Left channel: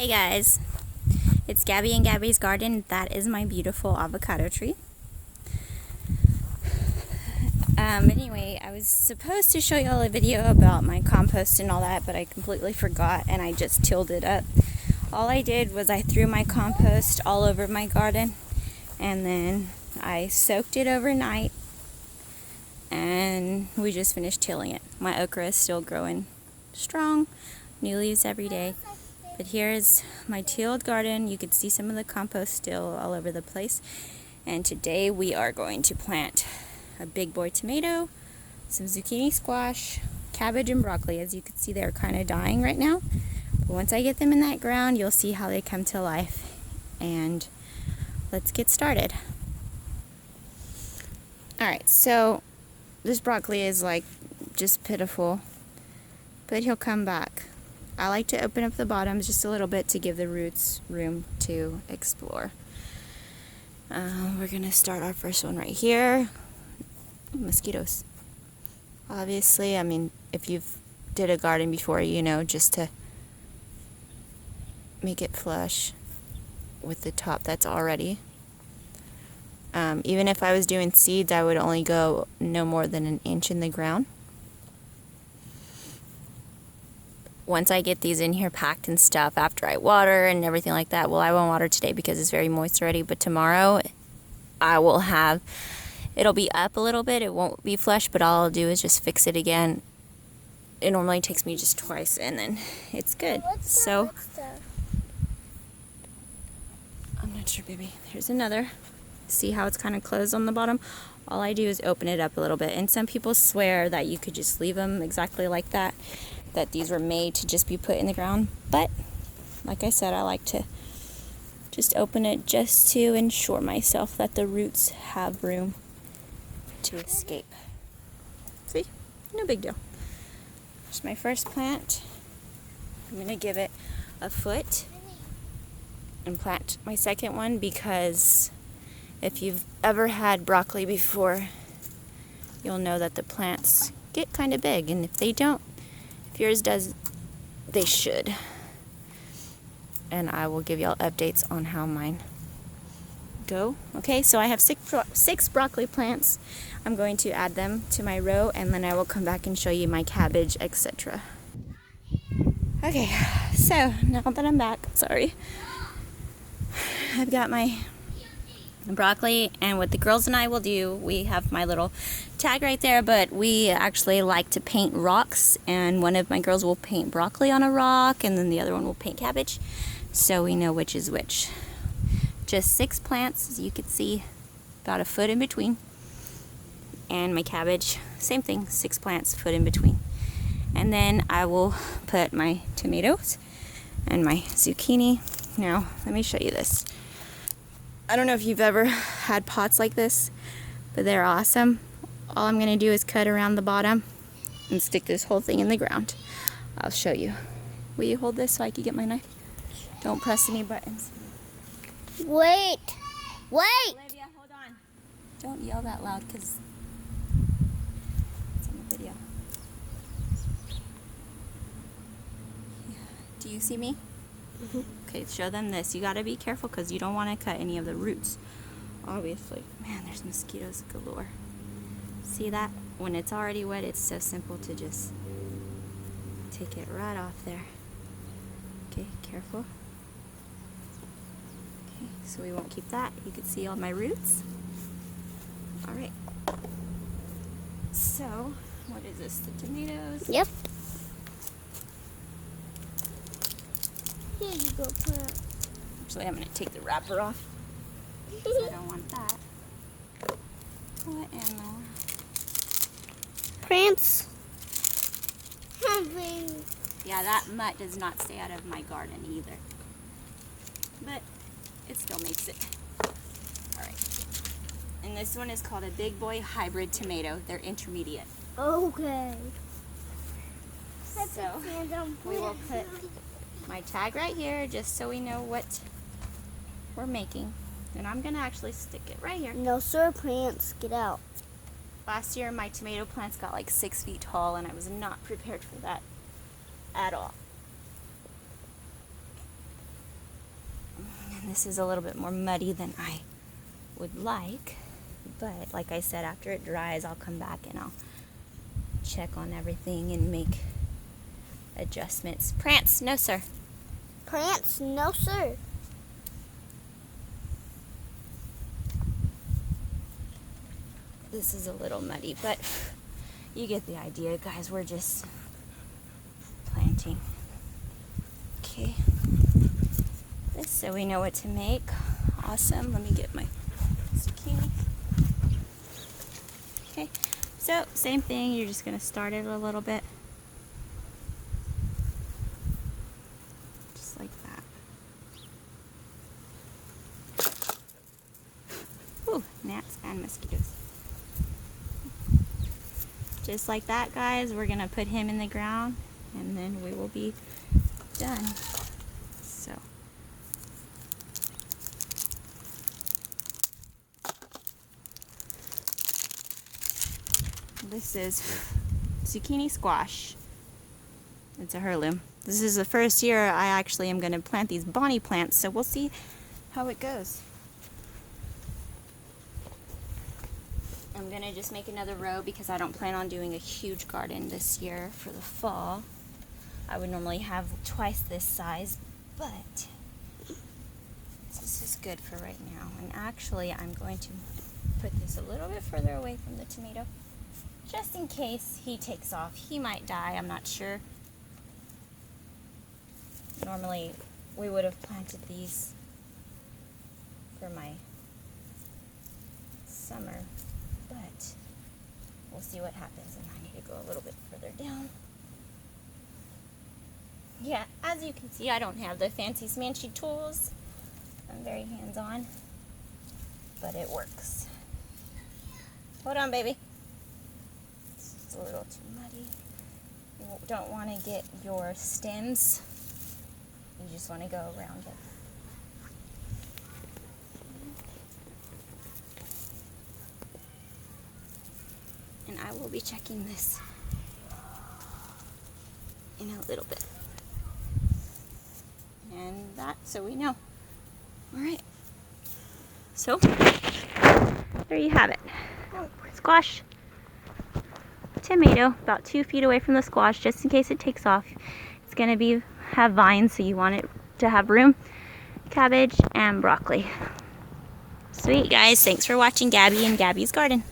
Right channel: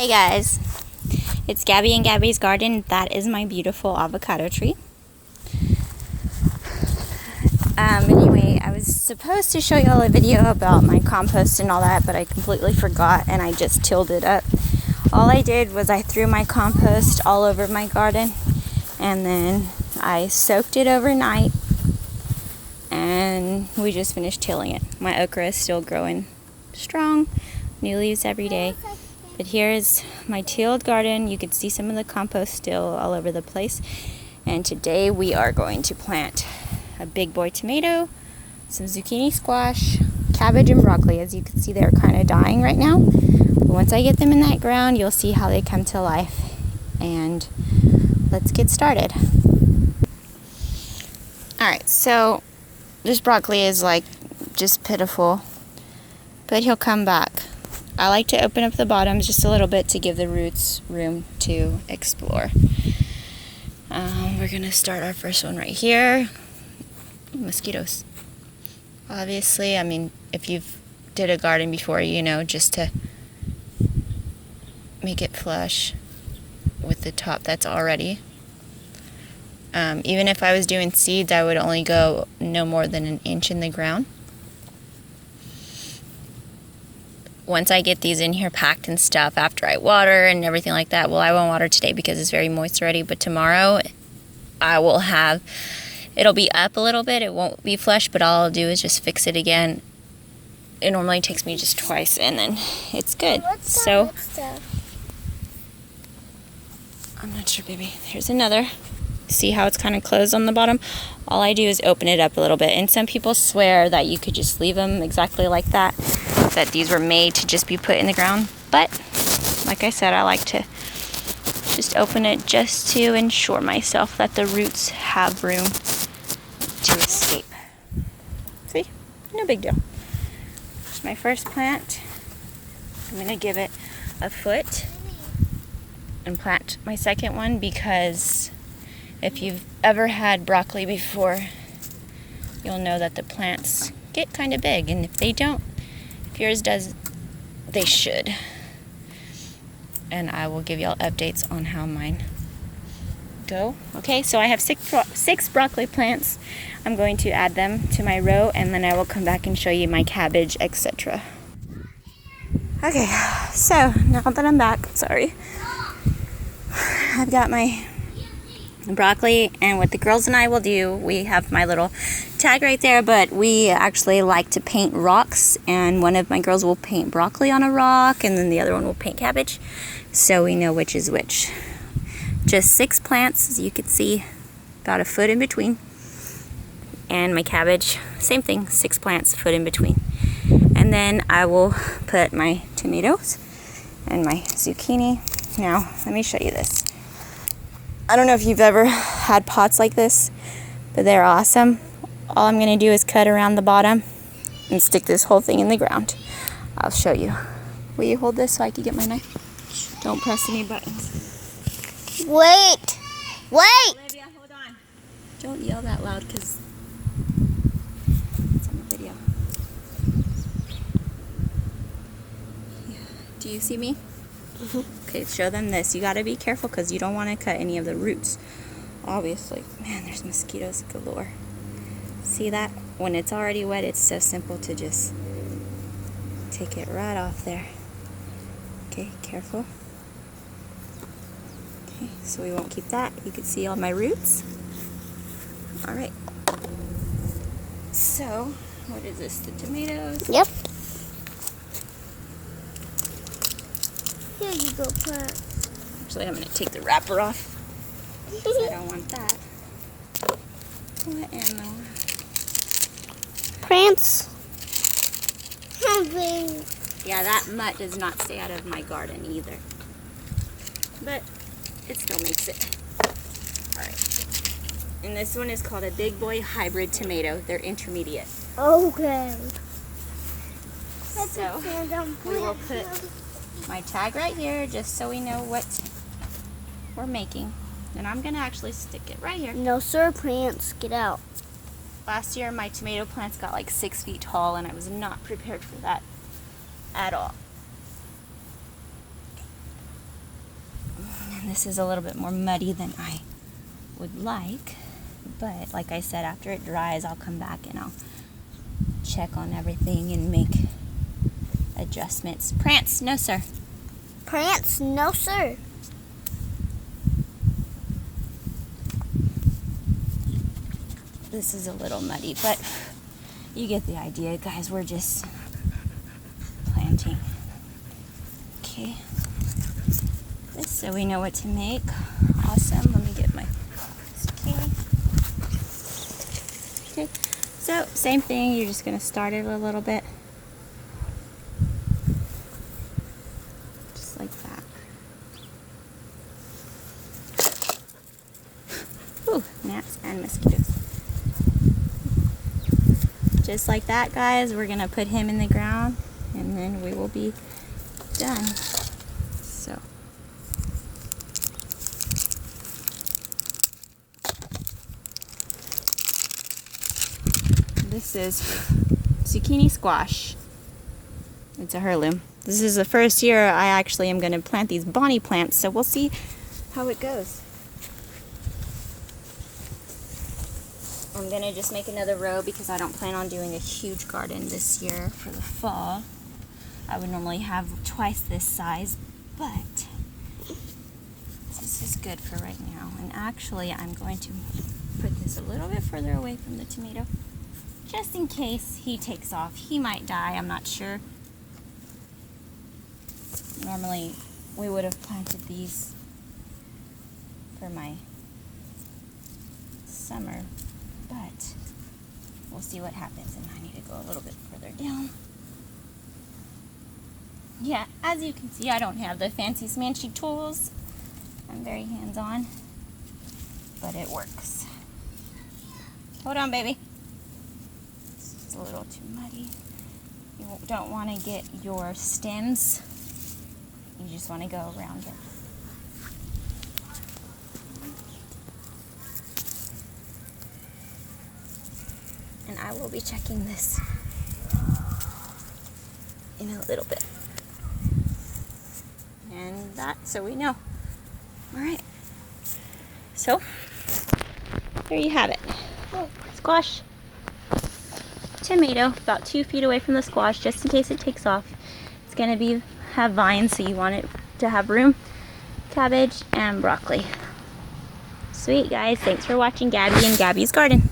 Hey guys, it's Gabby and Gabby's garden. That is my beautiful avocado tree. Anyway, I was supposed to show y'all a video about my compost and all that, but I completely forgot and I just tilled it up. All I did was I threw my compost all over my garden and then I soaked it overnight and we just finished tilling it. My okra is still growing strong, new leaves every day. But here's my tilled garden. You can see some of the compost still all over the place. And today we are going to plant a big boy tomato, some zucchini squash, cabbage, and broccoli. As you can see, they're kind of dying right now. But once I get them in that ground, you'll see how they come to life. And let's get started. Alright, so this broccoli is like just pitiful, but he'll come back. I like to open up the bottoms just a little bit to give the roots room to explore. We're going to start our first one right here. Mosquitoes. Obviously, I mean, if you've did a garden before, you know, just to make it flush with the top that's already. Even if I was doing seeds, I would only go no more than an inch in the ground. Once I get these in here packed and stuff, after I water and everything like that, well, I won't water today because it's very moist already, but tomorrow I will have, it'll be up a little bit, it won't be flush, but all I'll do is just fix it again. It normally takes me just twice and then it's good. So, I'm not sure, baby. Here's another. See how it's kind of closed on the bottom? All I do is open it up a little bit, and some people swear that you could just leave them exactly like that, that these were made to just be put in the ground. But like I said, I like to just open it just to ensure myself that the roots have room to escape. See? No big deal. It's my first plant. I'm going to give it a foot and plant my second one because if you've ever had broccoli before, you'll know that the plants get kind of big, and if they don't, if yours does, they should. And I will give y'all updates on how mine go. Okay, so I have six broccoli plants. I'm going to add them to my row, and then I will come back and show you my cabbage, etc. Okay, so now that I'm back, sorry, I've got my broccoli, and what the girls and I will do, we have my little tag right there, but we actually like to paint rocks, and one of my girls will paint broccoli on a rock and then the other one will paint cabbage, so we know which is which. Just 6 plants, as you can see, about a foot in between, and my cabbage, same thing, 6 plants, foot in between. And then I will put my tomatoes and my zucchini. Now let me show you this. I don't know if you've ever had pots like this, but they're awesome. All I'm going to do is cut around the bottom and stick this whole thing in the ground. I'll show you. Will you hold this so I can get my knife? Don't press any buttons. Wait! Olivia, hold on. Don't yell that loud because it's on the video. Yeah. Do you see me? Okay, show them this. You got to be careful because you don't want to cut any of the roots. Obviously. Man, there's mosquitoes galore. See that? When it's already wet, it's so simple to just take it right off there. Okay, careful. Okay, so we won't keep that. You can see all my roots. Alright. So, what is this? The tomatoes? Yep. Here you go, plant. Actually, I'm going to take the wrapper off. I don't want that. What ammo? Plants. Yeah, that mutt does not stay out of my garden either. But it still makes it. Alright. And this one is called a Big Boy Hybrid Tomato. They're intermediate. Okay. So, we will put my tag right here just so we know what we're making. And I'm going to actually stick it right here. No, sir, plants, get out. Last year, my tomato plants got like 6 feet tall, and I was not prepared for that at all. This is a little bit more muddy than I would like, but like I said, after it dries, I'll come back and I'll check on everything and make adjustments. Prance, no sir. Prance, no sir. This is a little muddy, but you get the idea, guys. We're just planting. Okay. This so we know what to make. Awesome. Let me get my zucchini. Okay. So, same thing. You're just going to start it a little bit. Just like that. Ooh, gnats and mosquitoes. Just like that, guys. We're going to put him in the ground and then we will be done. So. This is zucchini squash. It's a heirloom. This is the first year I actually am going to plant these bonnie plants, so we'll see how it goes. I'm going to just make another row because I don't plan on doing a huge garden this year for the fall. I would normally have twice this size, but this is good for right now. And actually, I'm going to put this a little bit further away from the tomato, just in case he takes off. He might die, I'm not sure. Normally, we would have planted these for my summer, but we'll see what happens, and I need to go a little bit further down. Yeah, as you can see, I don't have the fancy smanchy tools. I'm very hands-on, but it works. Hold on, baby. It's a little too muddy. You don't want to get your stems. You just want to go around it. And I will be checking this in a little bit. And that, so we know. Alright. So, there you have it. Squash. Tomato, about 2 feet away from the squash, just in case it takes off. It's going to have vines, so you want it to have room. Cabbage and broccoli. Sweet, guys. Thanks for watching Gabby and Gabby's Garden.